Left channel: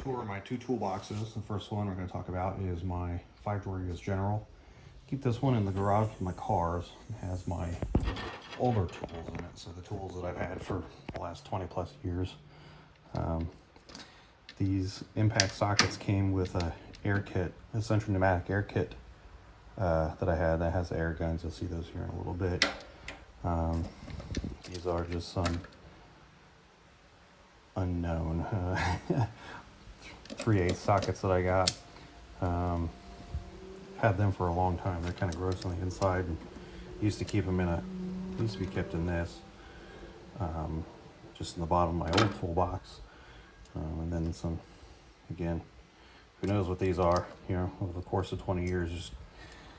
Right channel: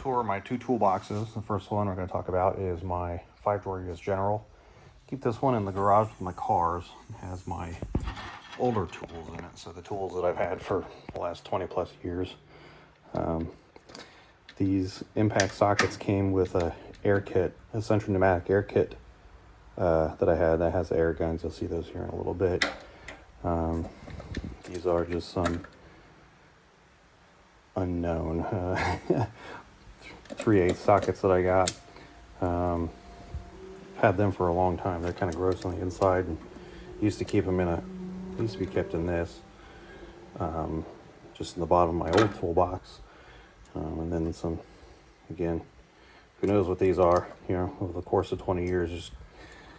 tour my two toolboxes. The first one we're going to talk about is my 5-drawer US General. Keep this one in the garage with my cars. It has my older tools in it, so the tools that I've had for the last 20 plus years. These impact sockets came with a air kit, a central pneumatic air kit that I had that has the air guns. You'll see those here in a little bit. These are just some unknown 3/8 sockets that I got. Had them for a long time. They're kind of gross on the inside, and used to keep them in a, used to be kept in this, just in the bottom of my old toolbox. And then some, again, who knows what these are, you know, over the course of 20 years, just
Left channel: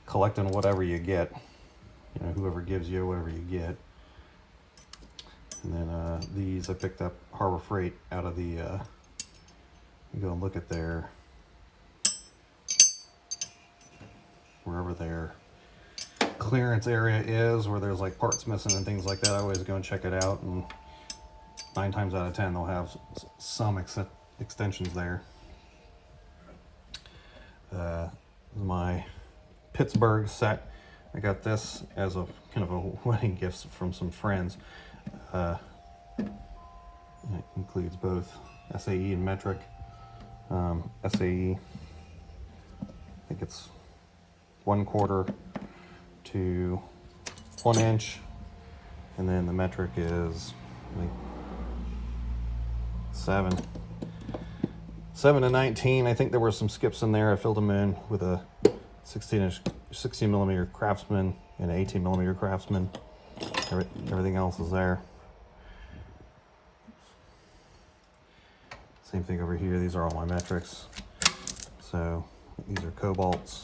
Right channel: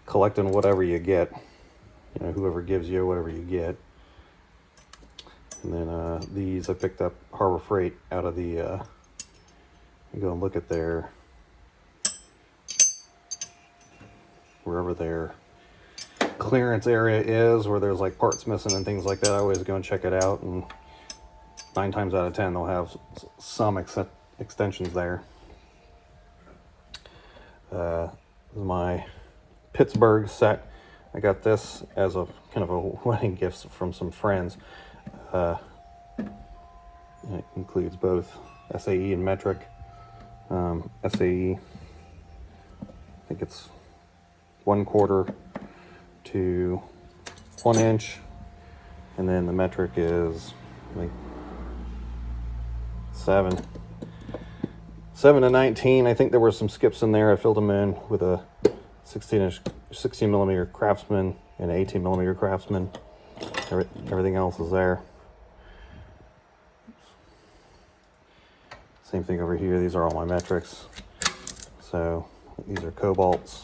collecting whatever you get, you know, whoever gives you whatever you get. And then these I picked up Harbor Freight out of the, you go and look at their, wherever their clearance area is, where there's like parts missing and things like that. I always go and check it out, and 9 times out of 10 they'll have some extensions there. This is my Pittsburgh set. I got this as a kind of a wedding gift from some friends. It includes both SAE and metric. SAE, I think it's 1/4 to 1 inch, and then the metric is like 7 to 19. I think there were some skips in there. I filled them in with a 16 millimeter Craftsman and 18 millimeter Craftsman. Everything else is there. Same thing over here. These are all my metrics. So these are Kobalts,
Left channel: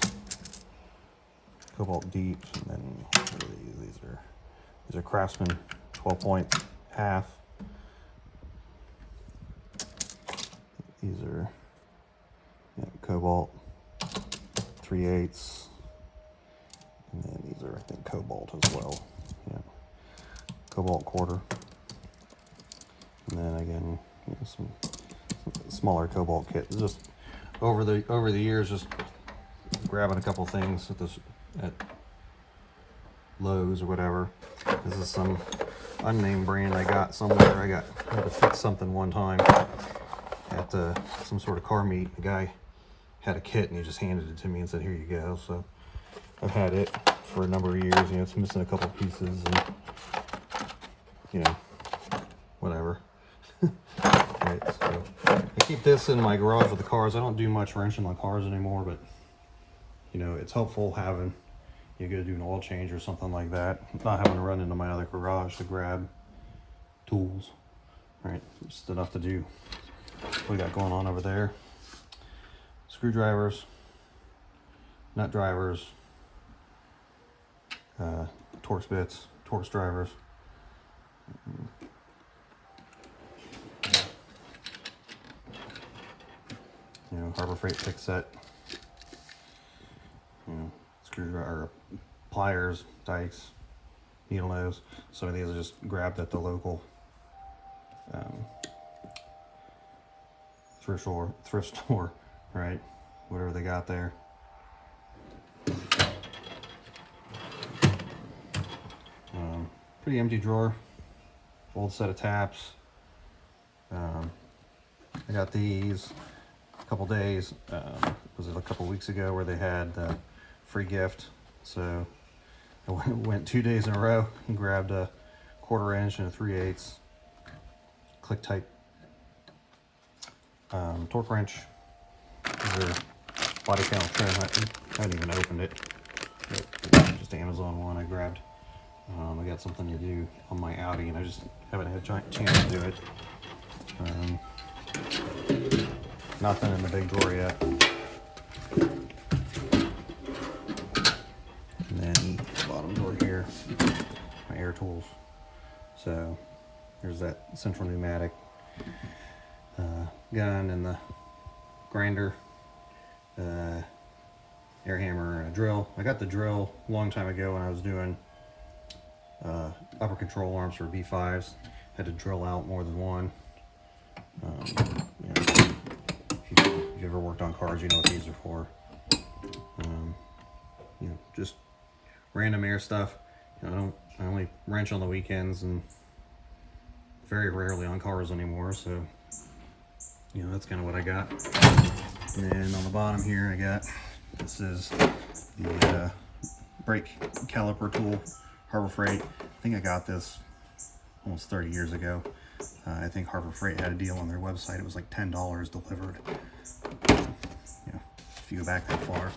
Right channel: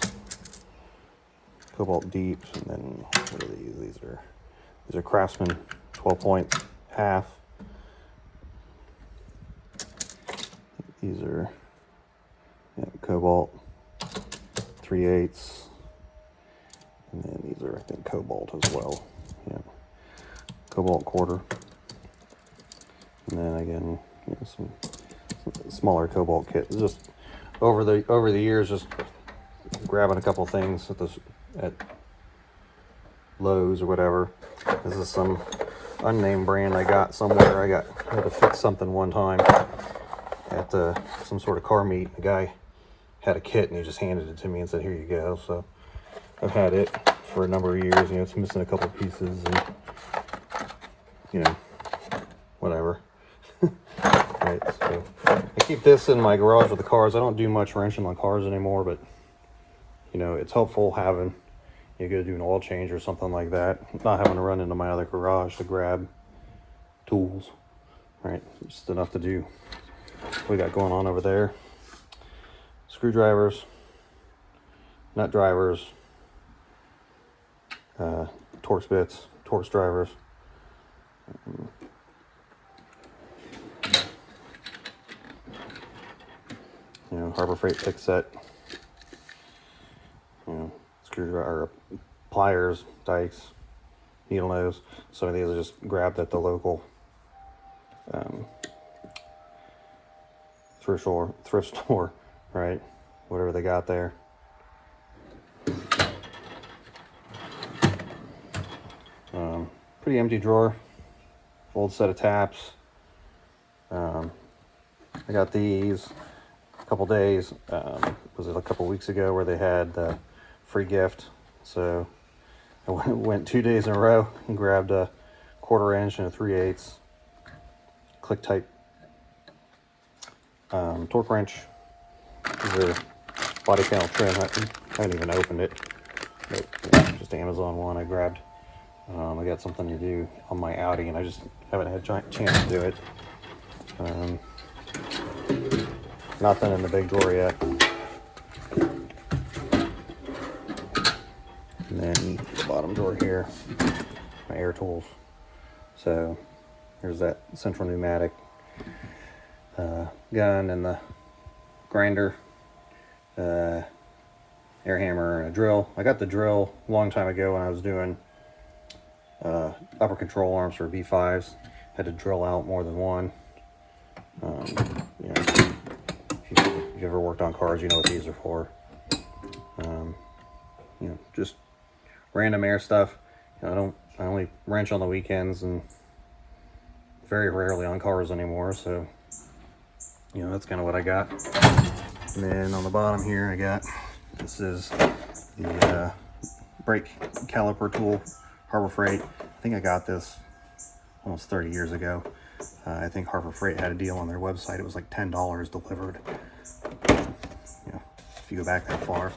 Kobalt deeps, and then what are these? These are Craftsman 12 point half. These are Kobalt 3/8, and then these are, I think, Kobalt as well. Yeah, Kobalt 1/4, and then again, you know, some smaller Kobalt kit. Just over the years, just grabbing a couple things at Lowe's or whatever. This is some unnamed brand I got somewhere. I had to fix something one time at some sort of car meet. The guy had a kit and he just handed it to me and said, "Here you go." So I've had it for a number of years. You know, it's missing a couple pieces, and you know, whatever. Right, so I keep this in my garage with the cars. I don't do much wrenching on cars anymore, but you know, it's helpful having, you go to do an oil change or something like that, not having to run into my other garage to grab tools. Right, just enough to do what we got going on over there. Screwdrivers, nut drivers, Torx bits, Torx drivers. You know, Harbor Freight pick set. You know, screwdriver, pliers, dikes, needle nose. Some of these are just grabbed at the local thrift store, right? Whatever they got there. Pretty empty drawer. Old set of taps. I got these a couple days. Was it a couple weeks ago where they had the free gift? So I went 2 days in a row and grabbed a 1/4 inch and a 3/8 click type torque wrench. These are body panel trim. I haven't even opened it. Nope, just Amazon one I grabbed. I got something to do on my Audi, and I just haven't had a chance to do it. Nothing in the big drawer yet. And then the bottom drawer here, my air tools. So there's that central pneumatic gun and the grinder, air hammer, and a drill. I got the drill a long time ago when I was doing upper control arms for V5s. Had to drill out more than one. You know, if you If you've ever worked on cars, you know what these are for. You know, just random air stuff. You know, I only wrench on the weekends and very rarely on cars anymore, so you know, that's kind of what I got. And then on the bottom here, I got, this is the brake caliper tool, Harbor Freight. I think I got this almost 30 years ago. I think Harbor Freight had a deal on their website. It was like $10 delivered. You know, if you go back that far.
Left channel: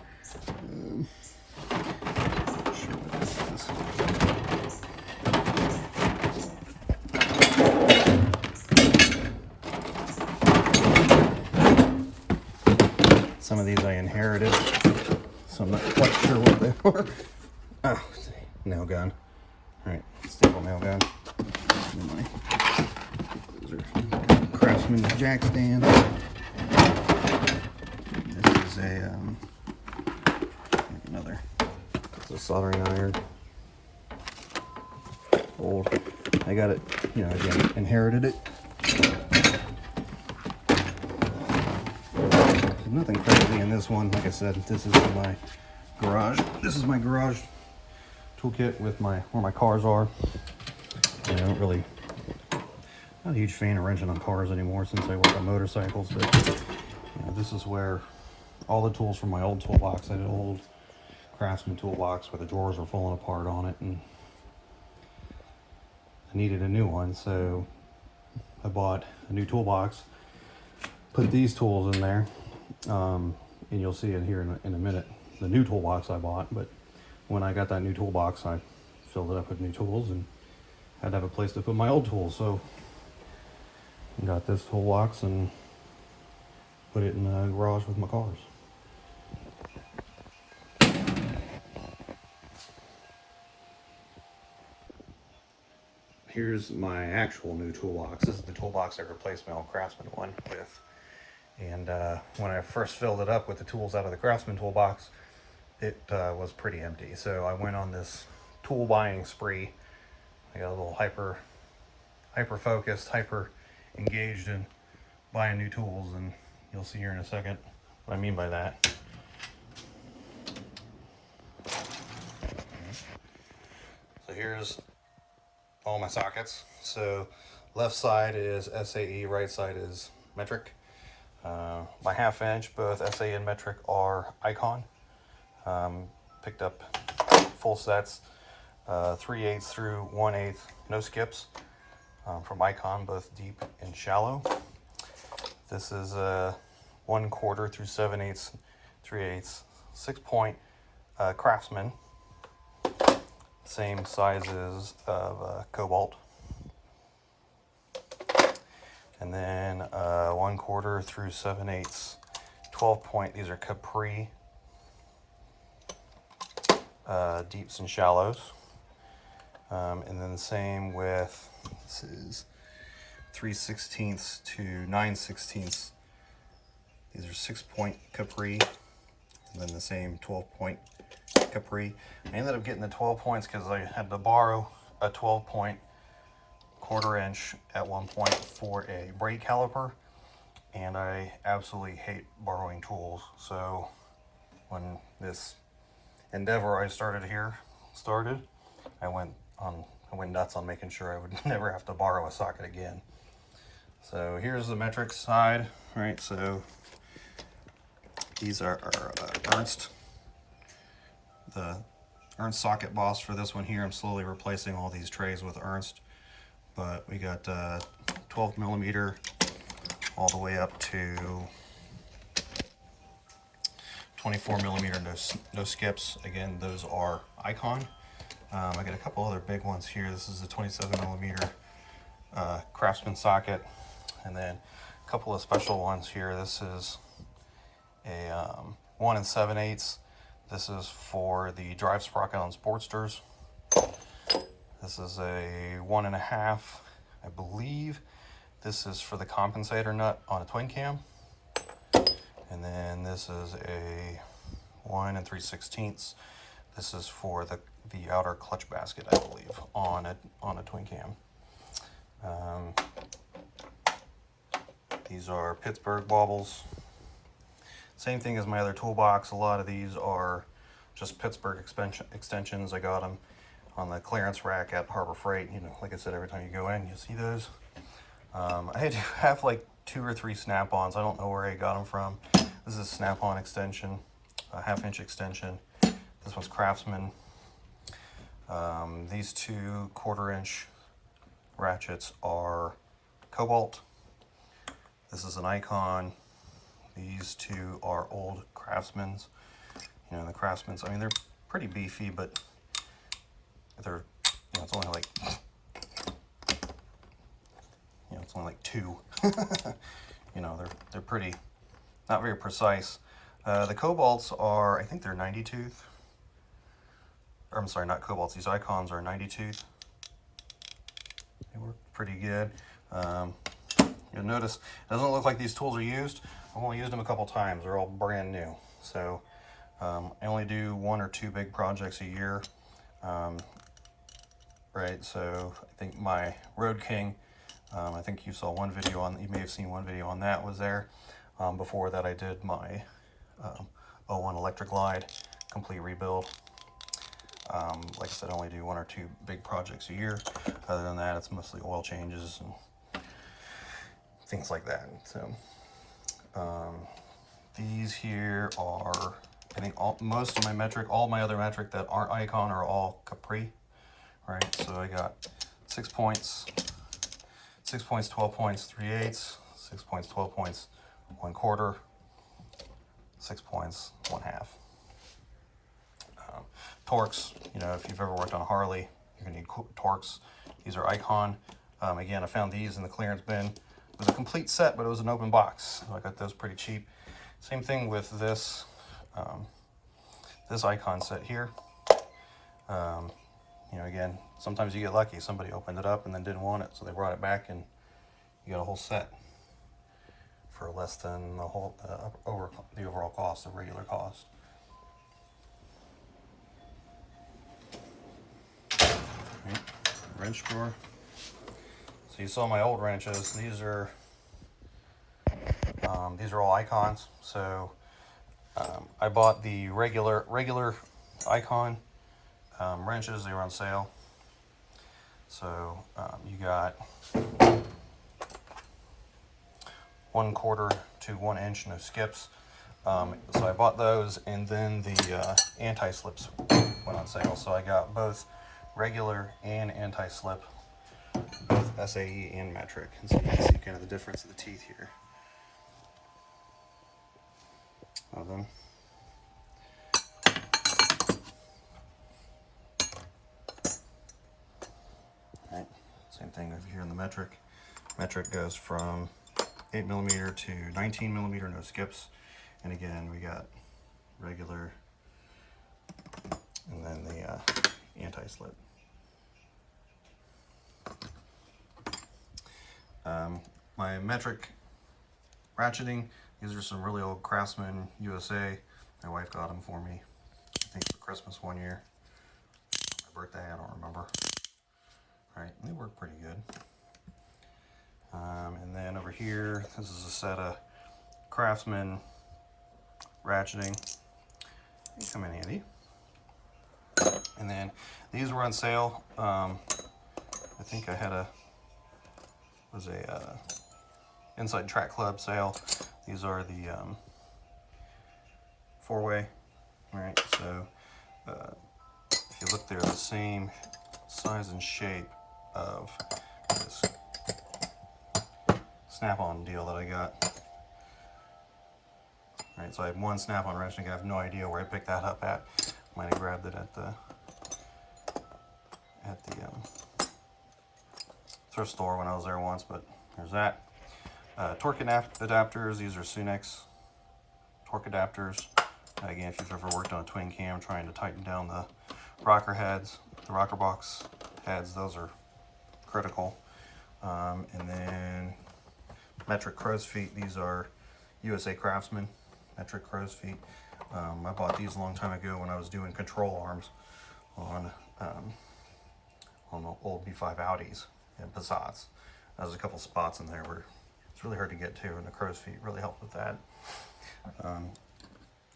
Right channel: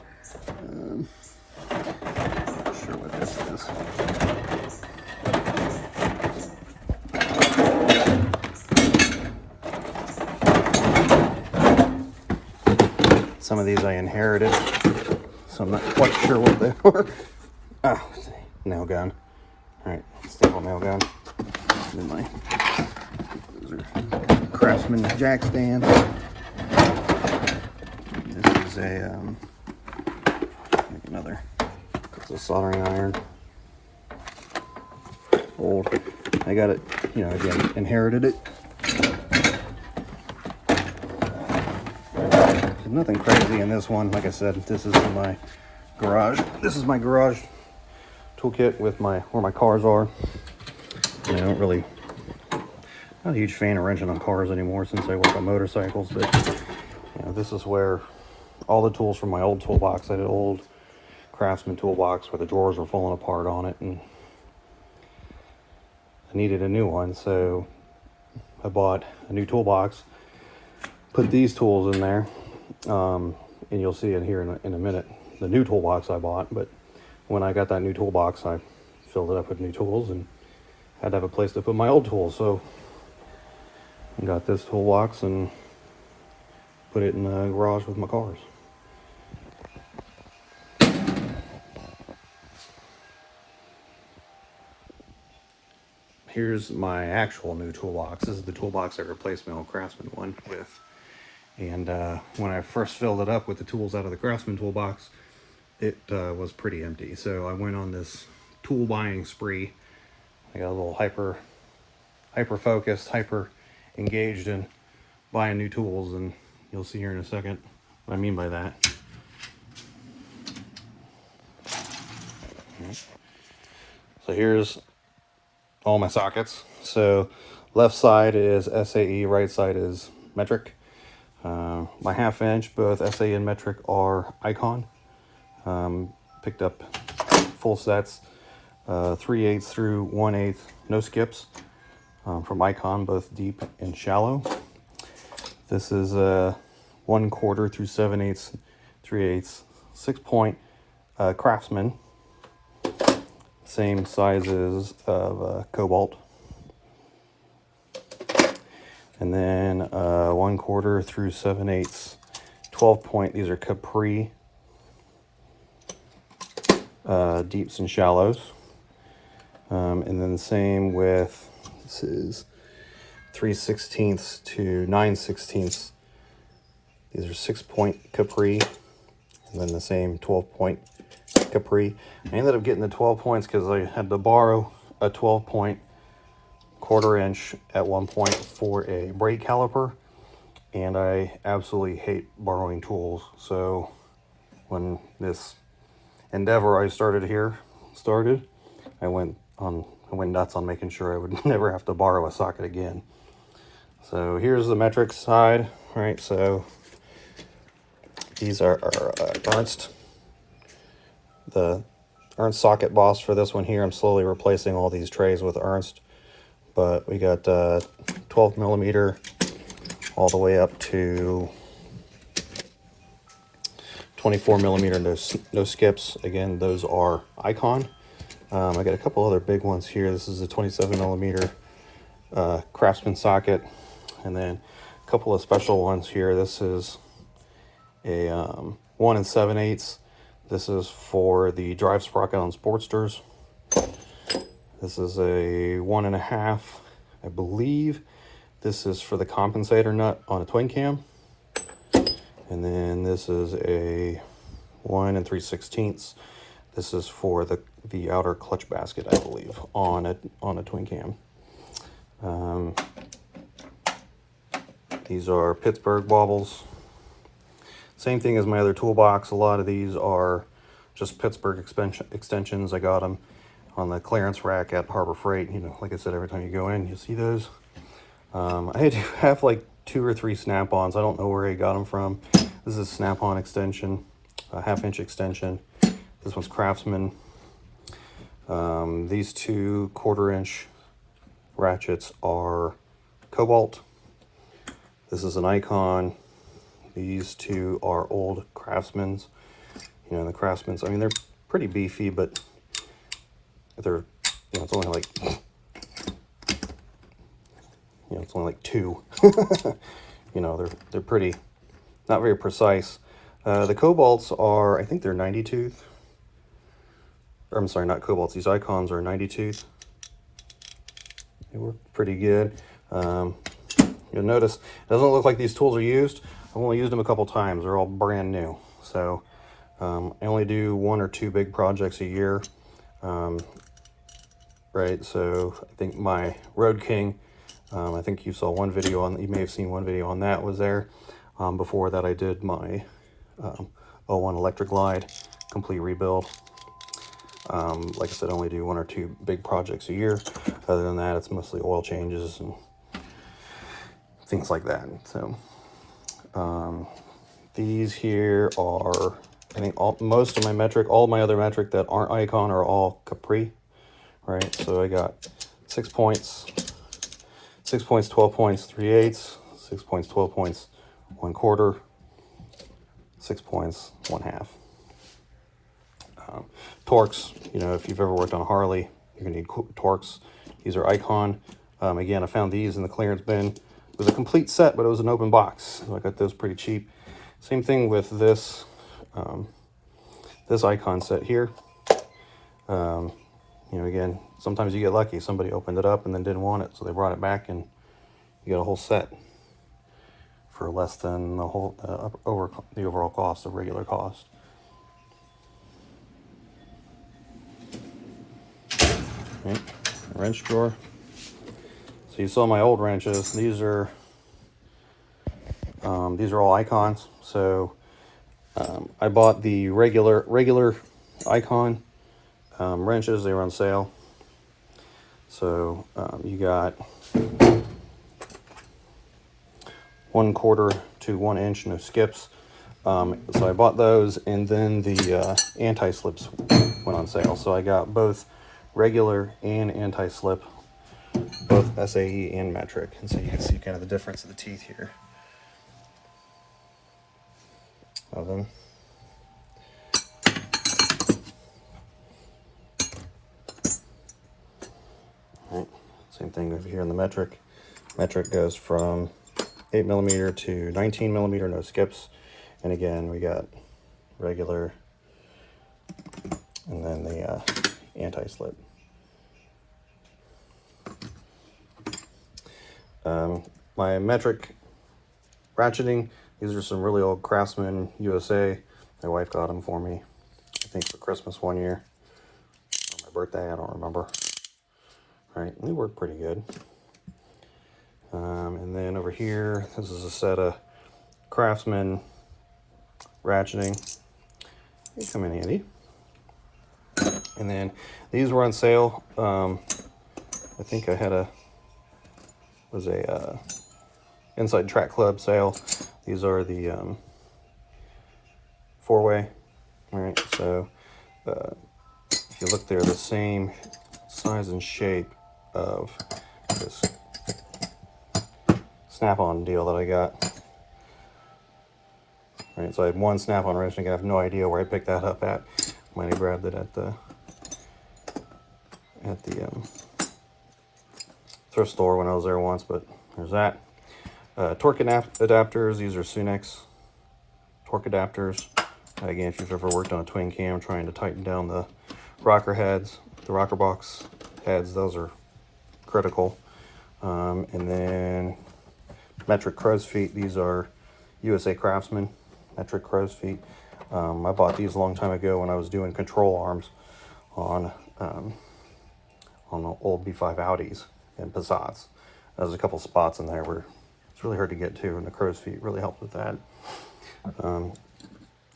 Not sure what this is. Some of these I inherited, so I'm not quite sure what they are. Oh, nail gun. All right, staple nail gun. Those are Craftsman jack stand. This is a another. It's a soldering iron. Old. I got it. You know, again, inherited it. There's nothing crazy in this one. Like I said, this is my garage. This is my garage toolkit with where my cars are. I don't really, not a huge fan of wrenching on cars anymore since I work on motorcycles, but you know, this is where all the tools from my old toolbox, I had an old Craftsman toolbox where the drawers were falling apart on it, and I needed a new one, so I bought a new toolbox, put these tools in there, and you'll see it here in a minute, the new toolbox I bought. But when I got that new toolbox, I filled it up with new tools and had to have a place to put my old tools, so I got this toolbox and put it in the garage with my cars. Here's my actual new toolbox. This is the toolbox I replaced my old Craftsman one with. And when I first filled it up with the tools out of the Craftsman toolbox, it was pretty empty. So I went on this tool buying spree. I got a little hyper focused, hyper engaged in buying new tools, and you'll see here in a second what I mean by that. So here's all my sockets. So left side is SAE, right side is metric. My 1/2 inch, both SAE and metric are Icon. Picked up full sets, 3/8 through 1/8, no skips, from Icon, both deep and shallow. This is 1/4 through 7/8, 3/8, 6-point Craftsman, same sizes of Kobalt. And then 1/4 through 7/8, 12-point. These are Capri, deeps and shallows. And then the same with, this is 3/16 to 9/16. These are 6-point Capri, and then the same 12-point Capri. I ended up getting the 12 points because I had to borrow a 12-point 1/4 inch at one point for a brake caliper, and I absolutely hate borrowing tools. So when this endeavor I started, I went nuts on making sure I would never have to borrow a socket again. So here's the metric side. All right, so these are Ernst. The Ernst socket boss for this one here. I'm slowly replacing all these trays with Ernst, but we got 12 millimeter all the way up to 24 millimeter, no skips. Again, those are Icon. I got a couple other big ones here. This is a 27 millimeter Craftsman socket, and then a couple of special ones here. This is a 1 7/8. This is for the drive sprocket on Sportsters. This is a 1 1/2, I believe. This is for the compensator nut on a twin cam. And then this is a 1 3/16. This is for the outer clutch basket, I believe, on a twin cam. These are Pittsburgh wobbles. Same thing as my other toolbox. A lot of these are just Pittsburgh extensions. I got them on the clearance rack at Harbor Freight. You know, like I said, every time you go in, you see those. I do have like 2 or 3 snap-ons. I don't know where I got them from. This is a snap-on extension, a 1/2-inch extension. This one's Craftsman. These 2 1/4-inch ratchets are Kobalt. This is an Icon. These 2 are old Craftsmans. You know, the Craftsmans, I mean, they're pretty beefy, but they're, you know, it's only like, you know, it's only like 2. You know, they're pretty, not very precise. The Kobalts are, I think they're 90 tooth. Or, I'm sorry, not Kobalts. These Icons are 90 tooth. They work pretty good. You'll notice it doesn't look like these tools are used. I've only used them a couple times. They're all brand new. So I only do 1 or 2 big projects a year. Right, so I think my Road King, I think you saw one video on, you may have seen one video on that was there. Before that I did my 01 Electric Glide complete rebuild. Like I said, I only do 1 or 2 big projects a year. Other than that, it's mostly oil changes and things like that. So these here are, I think most of my metric, all my other metric that aren't Icon are all Capri, right? So I got 6 points, 6 points, 12 points, 3/8, 6 points, 12 points, 1/4, 6 points, 1/2. Torques, you know, if you've ever worked on a Harley, you're gonna need Torques. These are Icon. Again, I found these in the clearance bin. It was a complete set, but it was an open box. So I got those pretty cheap. Same thing with this, this Icon set here. You know, again, sometimes you get lucky. Somebody opened it up and then didn't want it, so they brought it back, and you got a whole set for less than the whole the overall cost, the regular cost. Okay, wrench drawer. So you saw my old wrenches. These are all Icons. So I bought the regular Icon wrenches. They were on sale. So you got 1/4 to 1 inch, no skips. So I bought those, and then the anti-slips went on sale. So I got both regular and anti-slip, both SAE and metric. And so you can see kind of the difference of the teeth here of them. All right. Same thing over here in the metric. Metric goes from 8mm to 19mm, no skips. And again, we got regular and then the anti-slip. My metric ratcheting, these are some really old Craftsman USA. My wife got them for me, I think for Christmas one year. Or my birthday, I don't remember. All right, they work pretty good. And then over here, this is a set of Craftsman ratcheting. They come in handy. And then these were on sale. I think I had a Inside Track Club sale. These are the 4-way. All right, so if you look, they're the same size and shape of this snap-on deal that I got. All right, so I had one snap-on wrench, and I have no idea where I picked that up at. Might have grabbed it at the thrift store when I was there once, but there's that. Torque adapters. These are Sunex torque adapters. Again, if you've ever worked on a twin cam trying to tighten down the rocker heads, the rocker box heads, those are critical. And then metric crow's feet. These are USA Craftsman metric crow's feet. I bought these a long time ago when I was doing control arms on the old B5 Audis and Passats. There's a couple spots in there where it's really hard to get to, and the crow's feet really helped with that.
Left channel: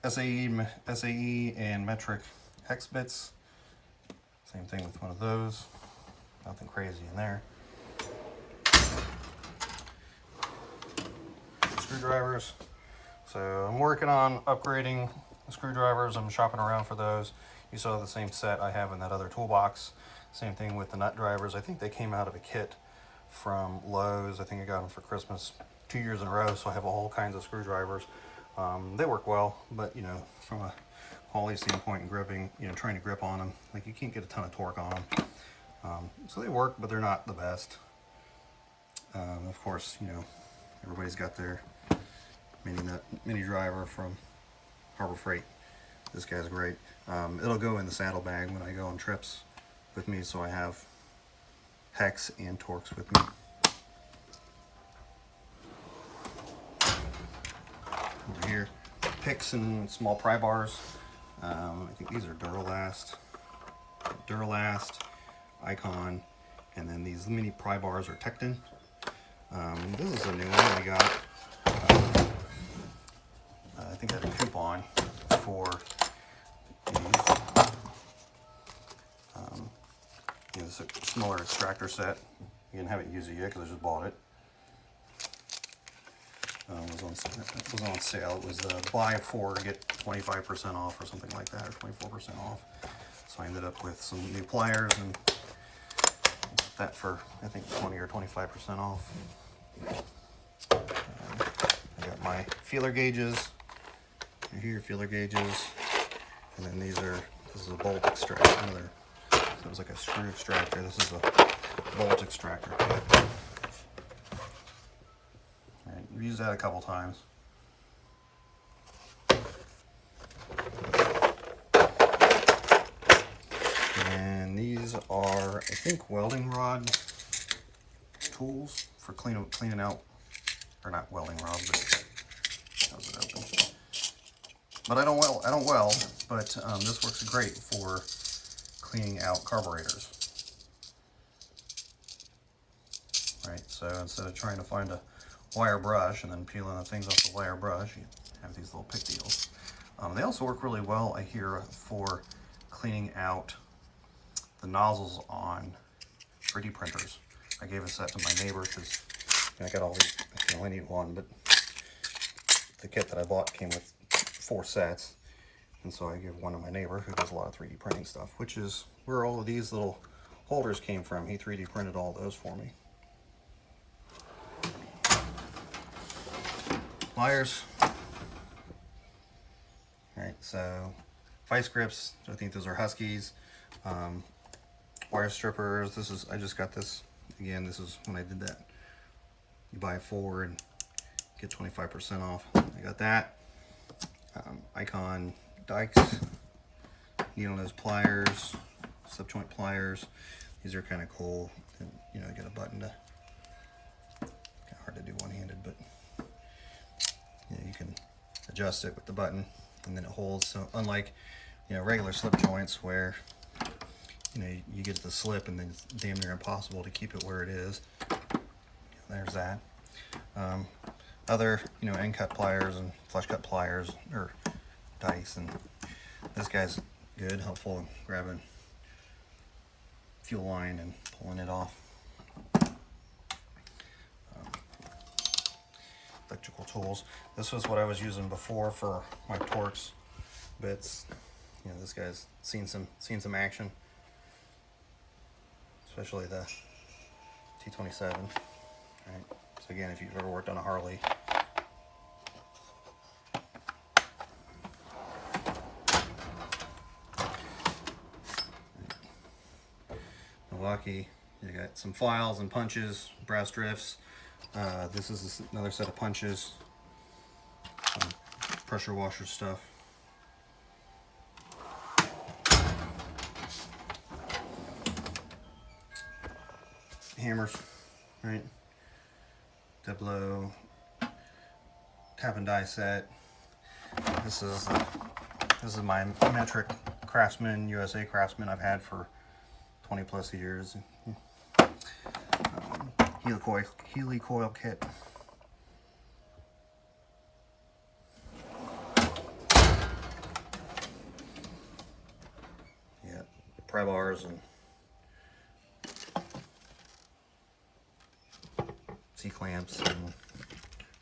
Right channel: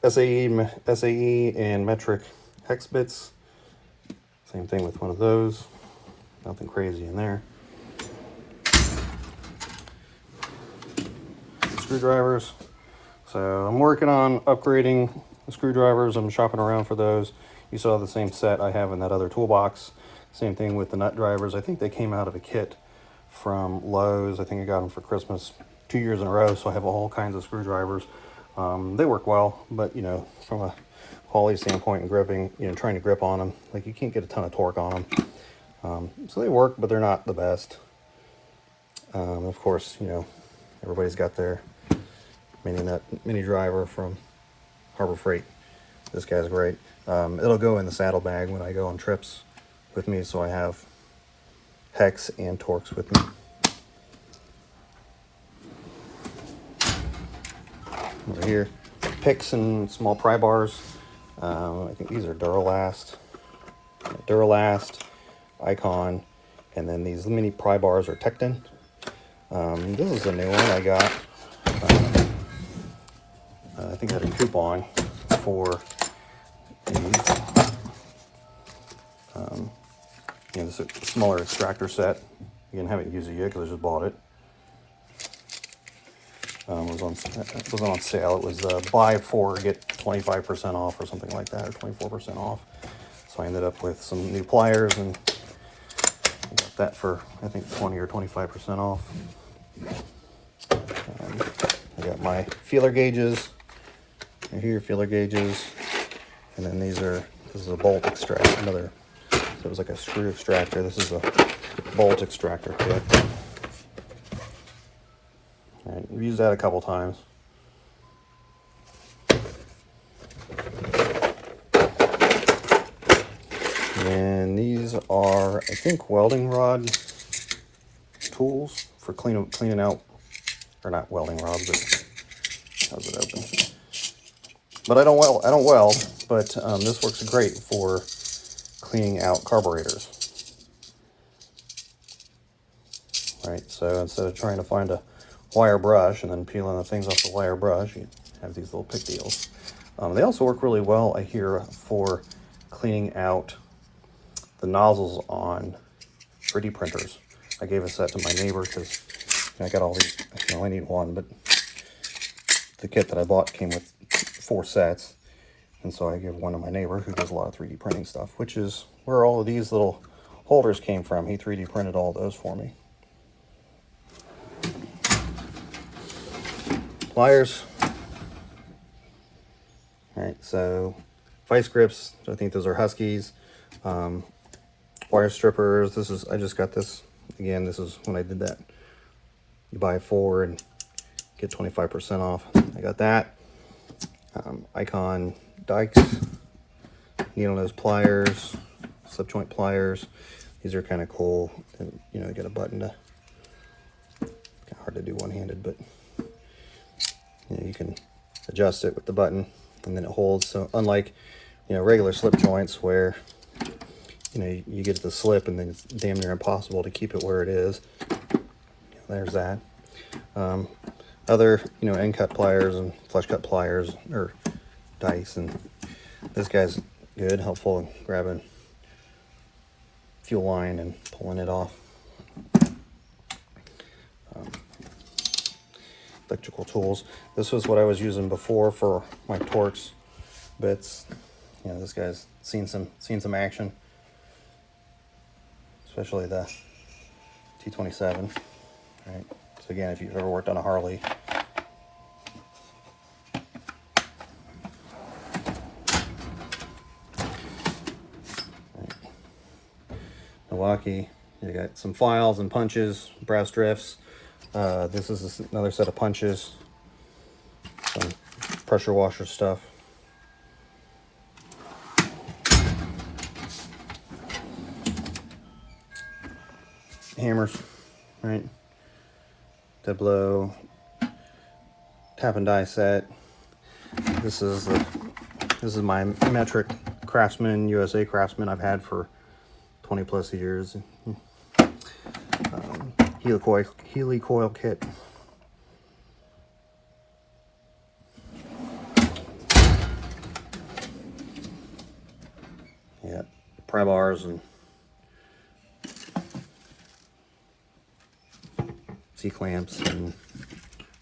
SAE and metric hex bits. Same thing with one of those. Nothing crazy in there. Screwdrivers. So I'm working on upgrading the screwdrivers. I'm shopping around for those. You saw the same set I have in that other toolbox. Same thing with the nut drivers. I think they came out of a kit from Lowe's. I think I got them for Christmas 2 years in a row, so I have all kinds of screwdrivers. They work well, but you know, from a quality standpoint and gripping, you know, trying to grip on them, like you can't get a ton of torque on them. So they work, but they're not the best. Of course, you know, everybody's got their mini driver from Harbor Freight. This guy's great. It'll go in the saddlebag when I go on trips with me, so I have hex and Torx with me. Over here, picks and small pry bars. I think these are Duralast, Icon, and then these mini pry bars are Tekton. This is a new one I got. I think I had a coupon for these. You know, this is a smaller extractor set. Again, haven't used it yet because I just bought it. It was on sale. It was buy 4 get 25% off or something like that, or 24% off. So I ended up with some new pliers and I got that for I think 20 or 25% off. I got my feeler gauges. Right here, feeler gauges, and then this is a bolt extractor. So it was like a screw extractor. This is a bolt extractor kit. All right, we've used that a couple times. And these are, I think, welding rod tools for cleaning out, or not welding rods, but how's it open? But I don't weld, but this works great for cleaning out carburetors. Right, so instead of trying to find a wire brush and then peeling the things off the wire brush, you have these little pick deals. They also work really well, I hear, for cleaning out the nozzles on 3D printers. I gave a set to my neighbor because I got all these, I only need one, but the kit that I bought came with 4 sets, and so I give one to my neighbor who does a lot of 3D printing stuff, which is where all of these little holders came from. He 3D printed all those for me. Pliers. All right, so vice grips. I think those are Huskies. Wire strippers. I just got this. Again, this is when I did that. You buy 4 and get 25% off. I got that. Icon dikes, needle nose pliers, subjoint pliers. These are kind of cool. And, you know, they got a button to, kind of hard to do one-handed, but you know, you can adjust it with the button and then it holds. So unlike, you know, regular slip joints where, you know, you get the slip and then it's damn near impossible to keep it where it is. There's that. Other, you know, end cut pliers and flush cut pliers or dice, and this guy's good, helpful in grabbing fuel line and pulling it off. Electrical tools. This was what I was using before for my Torx bits. You know, this guy's seen some action, especially the T27. Right. So again, if you've ever worked on a Harley, Milwaukee, you got some files and punches, brass drifts. This is another set of punches, some pressure washer stuff. Hammers, right? Diblo, tap and die set. This is my metric Craftsman, USA Craftsman I've had for 20 plus years. Helicoil kit. pry bars and C-clamps and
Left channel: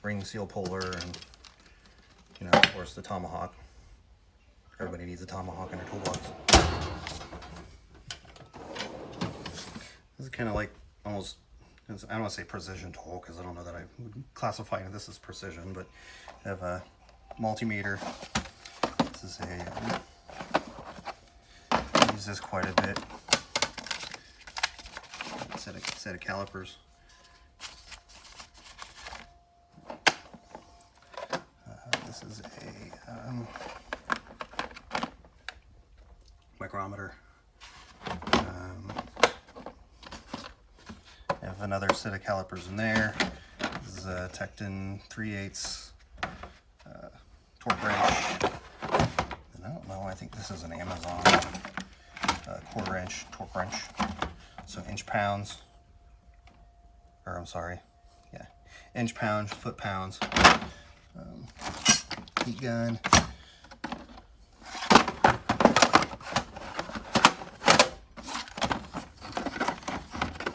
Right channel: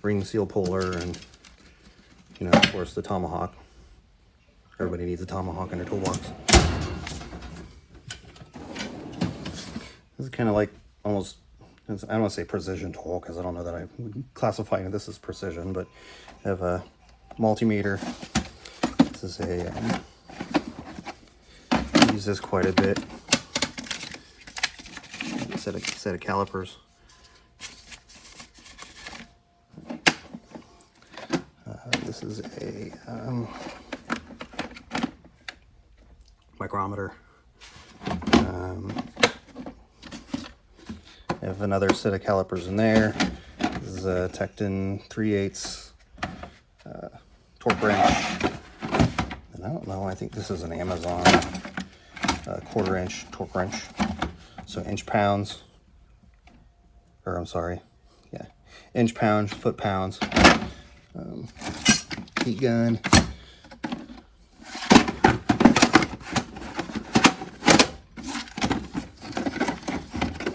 ring seal puller, and you know, of course, the tomahawk. Everybody needs a tomahawk in their toolbox. This is kind of like almost, I don't want to say precision tool because I don't know that I would classify this as precision, but I have a multimeter. This is a, I use this quite a bit. Set of calipers. This is a micrometer. I have another set of calipers in there. This is a Tekton 3/8 torque wrench. And I don't know, I think this is an Amazon 1/4 inch torque wrench. So inch pounds, or I'm sorry, yeah, inch pounds, foot pounds. Heat gun.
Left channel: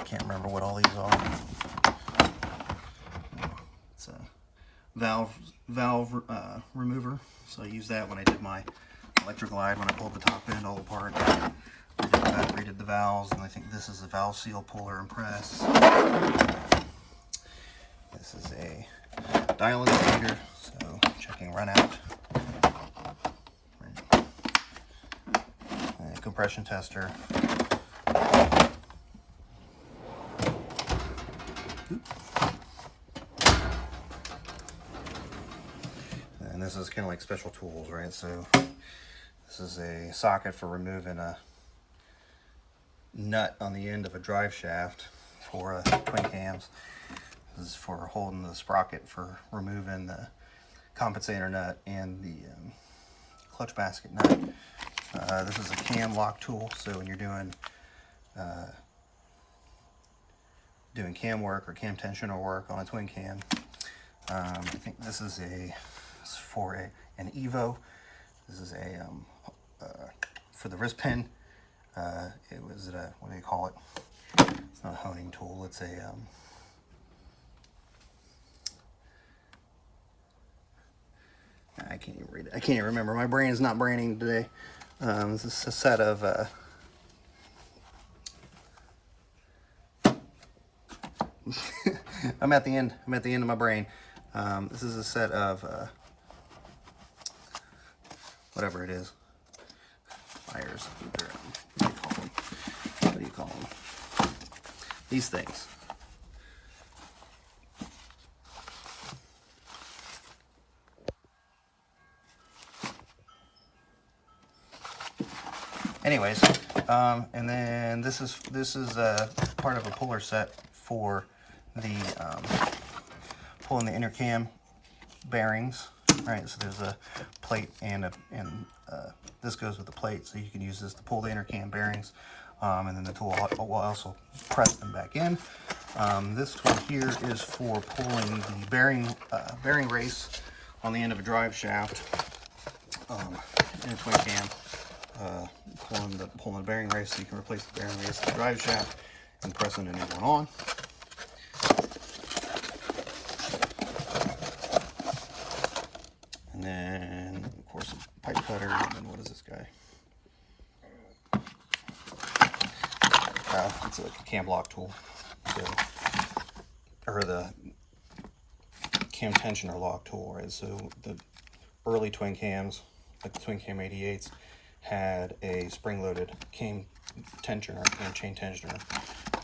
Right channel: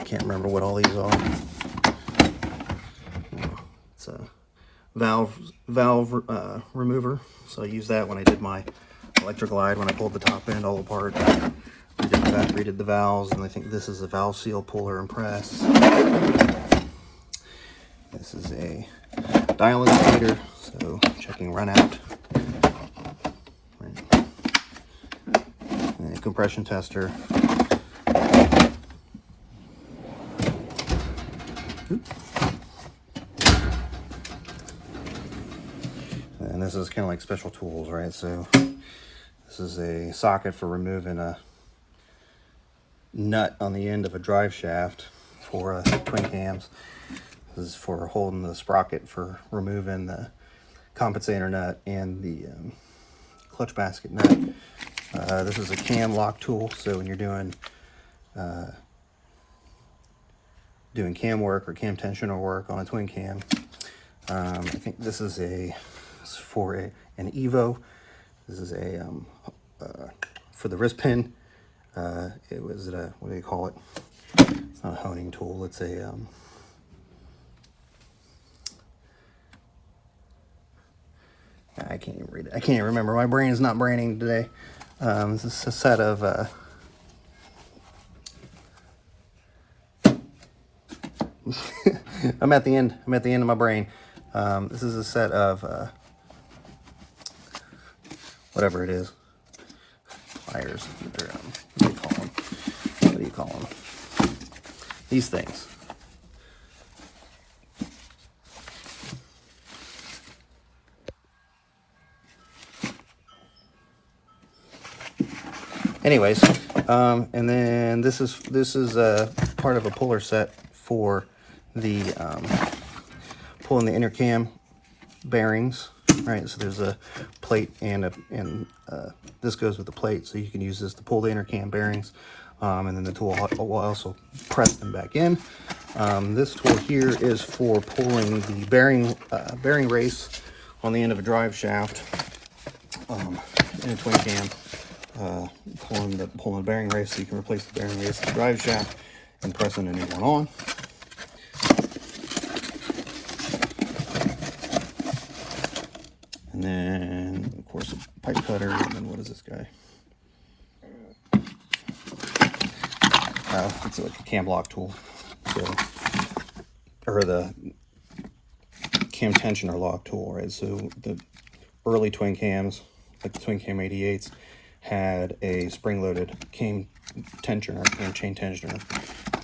Can't remember what all these are. It's a valve remover. So I used that when I did my electric glide, when I pulled the top end all apart. Redid the valves, and I think this is a valve seal puller and press. This is a dial indicator, so checking run out. Right. And a compression tester. And this is kind of like special tools, right? So this is a socket for removing a nut on the end of a drive shaft for twin cams. This is for holding the sprocket for removing the compensator nut and the clutch basket nut. This is a cam lock tool, so when you're doing cam work or cam tensioner work on a twin cam. I think this is for an Evo. This is a for the wrist pin. It was what do you call it? It's not a honing tool. It's a I can't even read it. I can't remember. My brain is not braining today. This is a set of I'm at the end of my brain. This is a set of whatever it is. Pliers. What do you call them? These things. Anyways, and then this is part of a puller set for the pulling the inner cam bearings, right? So there's a plate and this goes with the plate, so you can use this to pull the inner cam bearings, and then the tool will also press them back in. This tool here is for pulling the bearing race on the end of a drive shaft in a twin cam. Pulling the bearing race, so you can replace the bearing race in the drive shaft and pressing a new one on. And then, of course, a pipe cutter. And then what is this guy? It's like a cam lock tool. So, or the cam tensioner lock tool, right? So the early twin cams, like the twin cam 88s, had a spring-loaded cam tensioner and chain tensioner,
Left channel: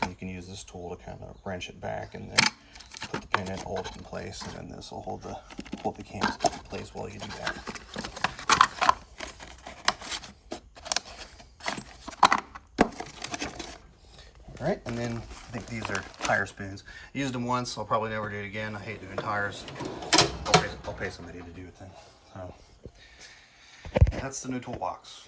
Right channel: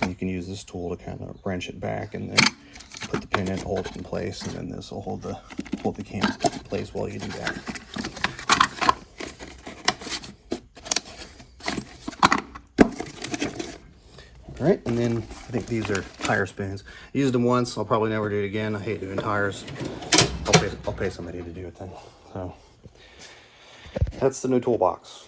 and you can use this tool to kind of wrench it back and then put the pin in, hold it in place, and then this will hold the cams in place while you do that. All right, and then I think these are tire spoons. I used them once. I'll probably never do it again. I hate doing tires. I'll pay somebody to do it then. So that's the new toolbox.